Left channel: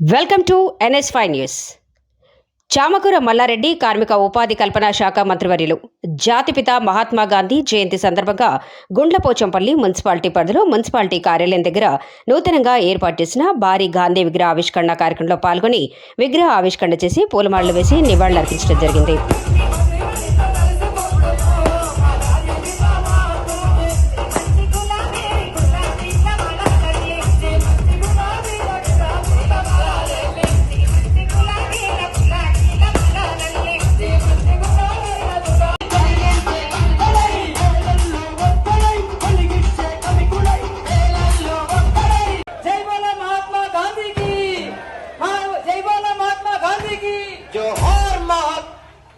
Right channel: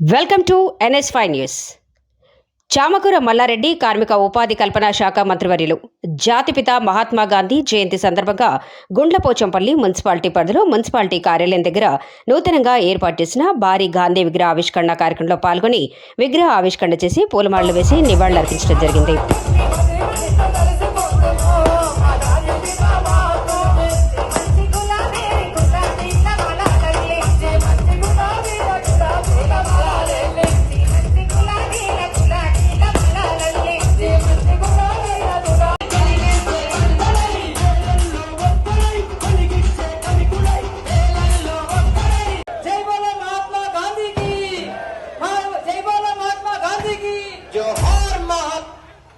Welcome to NS five news. Chamakura Mallareddy కార్మిక ఉపాధి కల్పన శాఖ మంత్రివర్యులు జాతిపిత మహాత్మా గాంధీ జయంతి సందర్భంగా గుండ్లపోచంపల్లి మున్సిపాలిటీ పరిధిలో మున్సిపాలిటీ కార్యాలయం దగ్గర నూతనంగా ఏర్పాటు చేసిన భారీ గాంధీ విగ్రహ ఆవిష్కరణ కార్యక్రమంలో పాల్గొని విగ్రహ ఆవిష్కరణ చేసి పూలమాలలు వేసి నివాళులర్పించడం జరిగింది.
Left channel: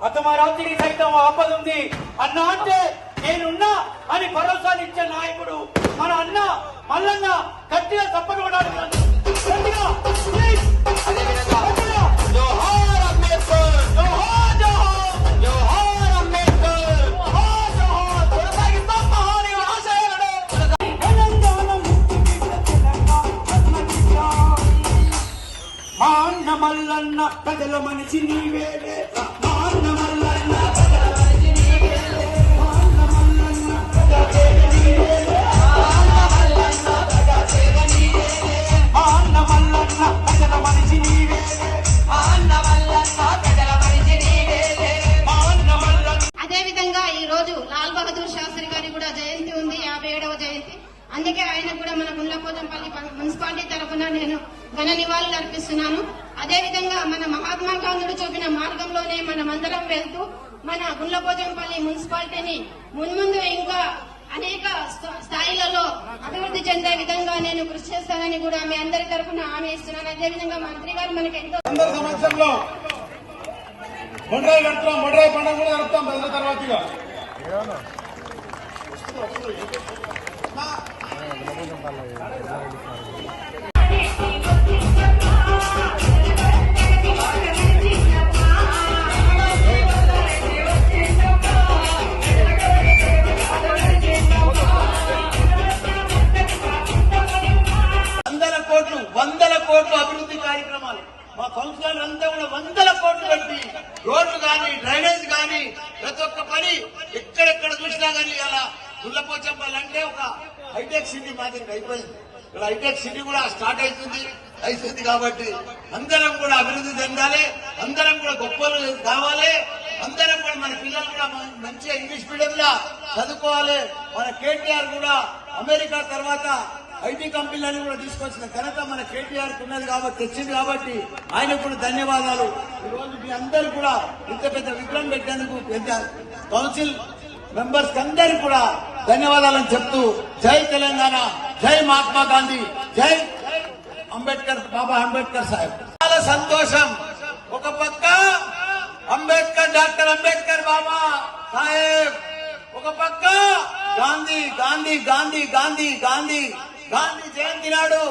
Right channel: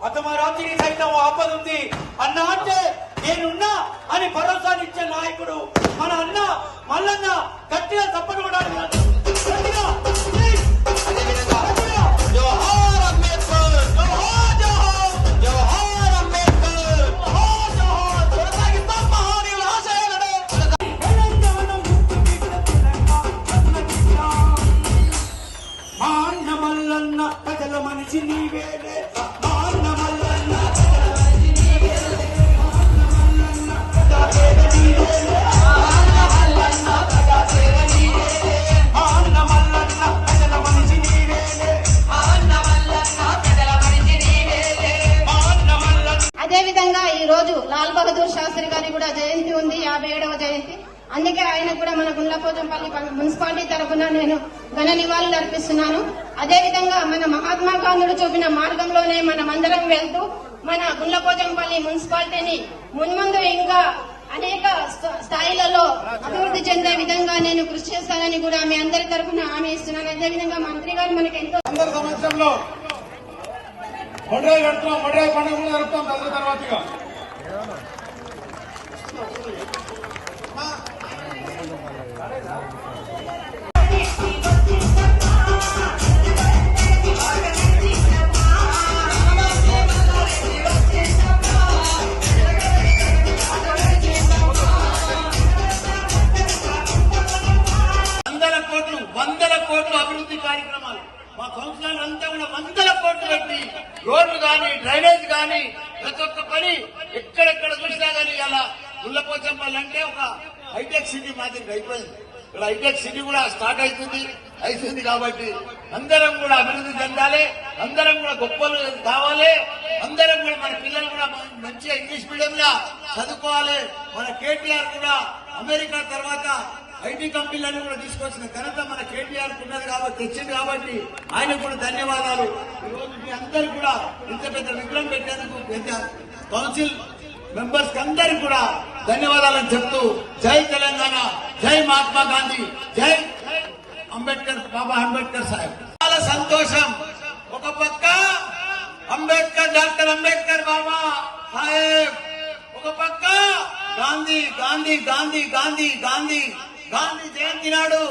అతమ రాత్రికి సైతం ఆపదుంది. అన్న అంటే నేనున్నా అని భరోసానిచ్చే నాయకుడు మన అన్న మల్లన్న గట్టిగా తప్పనబడాలి అందుకే ఆయన కూడా మన గుండ్లపోచంపల్లి మున్సిపాలిటీ తరఫున నేను ఘన నివాళులు అర్పిస్తున్నాను. అదేవిధంగా మన మహాత్మా గాంధీడు చూపిన మార్గంలోనే మనం అందరం వెళ్తూ మన గుండ్లపోచంపల్లి మున్సిపాలిటీని మున్ముందు ఇంకా అనేక స్థాయిలలో అభివృద్ధి చెందే విధంగా నేను కృషి చేస్తానని కూడా మీ అందరి తరఫున హామీ ఇస్తున్నాను. అదేవిధంగా మంత్రి గారు మనకి ఎంతో అందరి మొండ్రాయి మొండ్రాయి పండుగ కూడా తర్వాతగా వందల కోట్లు వందల కోట్లు అభివృద్ధి కార్యక్రమాలు. మా కౌన్సిలర్ అంతా కూడా వందల కోట్లు పెట్టి రోడ్లు కానీ డ్రైనేజ్ కానీ ప్రతి ఒక్క పని ఎక్కడెక్కడ చూసినా కానీ అలా ముల్లపోచంపల్లి అంటే ఒక హైటెక్ సిటీ మాదిరి అయిపోయింది ఇప్పుడు హైటెక్ సిటీ కూడా స్టార్ట్ అవుతుంది. అవుతుంది కాబట్టి అందరం కూడా అభివృద్ధి చెందాలి. అందరం కూడా గొప్పలు కావాలి. అందరం కూడా మన పిల్లలు కూడా మంచిగా ఇంగ్లీష్ మీడియంలో చదువుకోవాలి. మన కేటీఆర్ కూడా అమెరికా తర్వాత ఐటీ కంపెనీలను కూడా తీసుకొచ్చిన ఘనత మన కేటీఆర్ ఉన్నది కాబట్టి తెచ్చింది కాబట్టి ఆయన కూడా ధన్యవాదాలు. ఈ రోజు మీ అందరూ కూడా ఇంత పెద్ద విగ్రహం పెట్టేందుకు పెద్ద కౌన్సిల్ మెంబర్స్ అందరూ కూడా ధన్యవాదాలను చెప్తూ జై తెలంగాణ జై మహాత్మా గాంధీ జై అంబేద్కర్ బాబా అంబేద్కర్ సాహెబ్. చాలా సంతోషం. ఒక పక్క అంబేద్కర్ డాక్టర్ అంబేద్కర్ బాబా సాహెబ్. ఒక పక్క గాంధీ గాంధీ గాంధీ గాంధీ గాంధీ గాంధీ జయంతి నాడు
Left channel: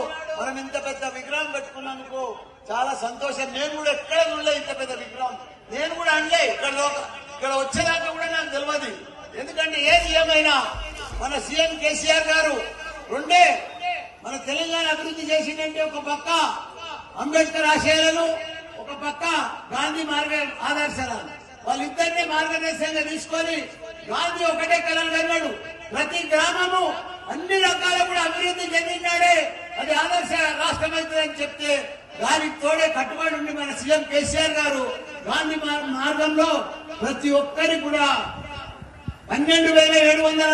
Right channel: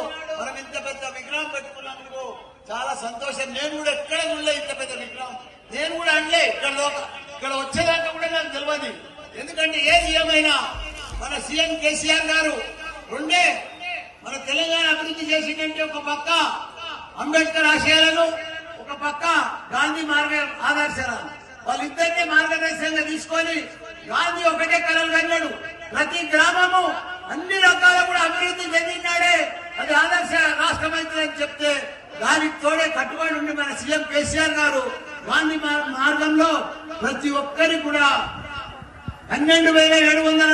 మనం ఇంత పెద్ద విగ్రహం పెట్టుకున్నందుకు చాలా సంతోషం. నేను కూడా ఎక్కడ ఉండలే ఇంత పెద్ద విగ్రహం. నేను కూడా అనలే. ఇక్కడ లోక- ఇక్కడ వచ్చేదాకా కూడా నాకు తెలియదు ఎందుకంటే ఏది ఏమైనా మన సీఎం కేసీఆర్ గారు రెండే మన తెలంగాణ అభివృద్ధి చేసిందంటే ఒక పక్క అంబేద్కర్ ఆశయాలను ఒక పక్క గాంధీ మార్గ ఆదర్శాలను. వాళ్ళిద్దరినీ మార్గదర్శకంగా తీసుకొని గాంధీ ఒకటే కలలు కన్నాడు. ప్రతి గ్రామము అన్ని రకాల కూడా అభివృద్ధి చెందినాడే అది ఆదర్శ రాష్ట్రం అవుతుందని చెప్తే దానికి తోడే కట్టుబడి ఉండి మన సీఎం కేసీఆర్ గారు గాంధీ మార్గంలో ప్రతి ఒక్కరి కూడా పన్నెండు వేల ఏడు వందల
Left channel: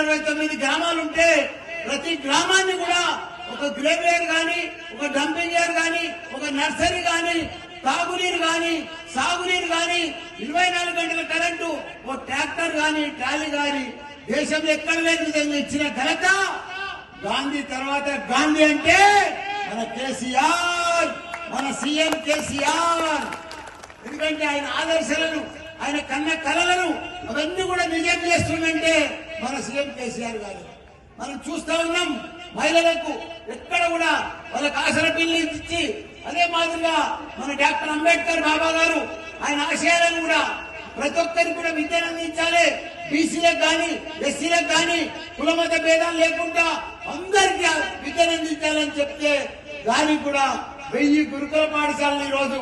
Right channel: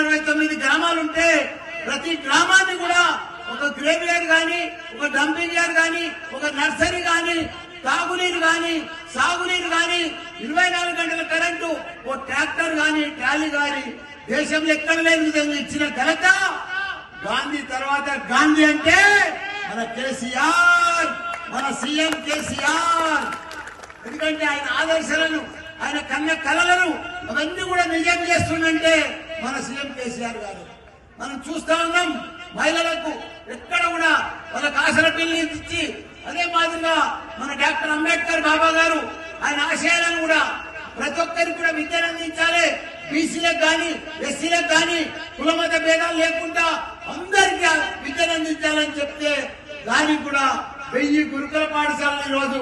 గ్రామాలుంటే ప్రతి గ్రామాన్ని కూడా ఒక గ్రేవియర్ గాని ఒక డంపింగ్ యార్డ్ గాని ఒక నర్సరీ గాని తాగునీరు గాని సాగునీరు గాని ఇరవై నాలుగు గంటల కరెంటు ఓ ట్రాక్టర్ గాని ట్రాలీ గాని దేశంలో ఎక్కడ లేని విధంగా ఇచ్చిన ఘనత గాంధీ తర్వాత గాంధీ అంటే మన కేసీఆర్ మన సీఎం కేసీఆర్. ఎందుకంటే ఆయన ఆదర్శాలను ఆయన కన్న కళలను అవన్నీ కూడా నిజం చేస్తుందంటే మన సీఎం కేసీఆర్ గారు. మనం చూస్తా ఉన్నాం మహిళలకు ఎక్కడ కూడా వాళ్ళకి ఆసన బిల్లు ఇచ్చి అదే మాదిరిగా మన డాక్టర్ అంబేద్కర్ బాబా గారు ఆయన ఆశయాలను కూడా ప్రతి ఒక్కరికి కూడా విద్యను అందించాలి. బీసీలకు కానీ ఎస్సీలకు కానీ కులమత భేదాలు లేకుండా అందరికీ విద్యను అందించాలని చెప్తే దానికి కూడా వెయ్యి గురుకుల పాఠశాలను ఈ రోజు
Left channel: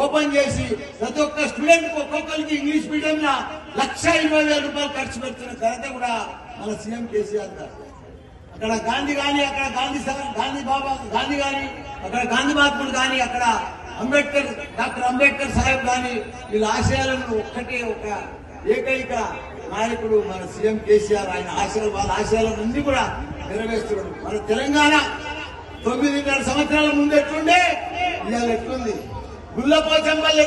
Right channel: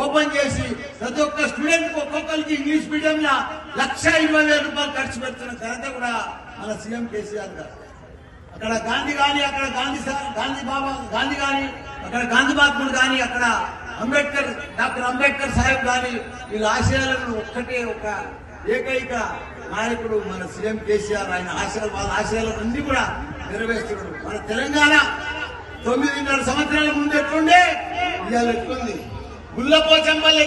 ఓపెన్ చేసి ప్రతి ఒక్క స్టూడెంట్ ఒక్కొక్కరికి ఇంగ్లీష్ మీడియం లక్ష ఇరవై వేల రూపాయలు ఖర్చు పెడుతున్న ఘనత కూడా మన సీఎం కేసీఆర్ గారు. అక్కడ గాంధీ గాని అక్కడ గాంధీ గాంధీ బాబా గాంధీ గాని అక్కడ గాంధీ మహాత్ముడు గాని అక్కడ అంబేద్కర్ డాక్టర్ అంబేద్కర్ సాహెబ్ గాని వీళ్ళ ఆశయాలను ఒక్కటే ఒక ఏకైక నాయకుడు మన సీఎం కేసీఆర్. ఆయన ఆశయాలు వాళ్ళ ఆశయాలన్నీ కూడా నెరవేరుస్తున్నాడు మన తెలంగాణ తొమ్మిదిన్నర సంవత్సరాల ముందు ఎట్లుండే? ఇవాళ ఎట్లుంది? గుల్లపోచంపల్లి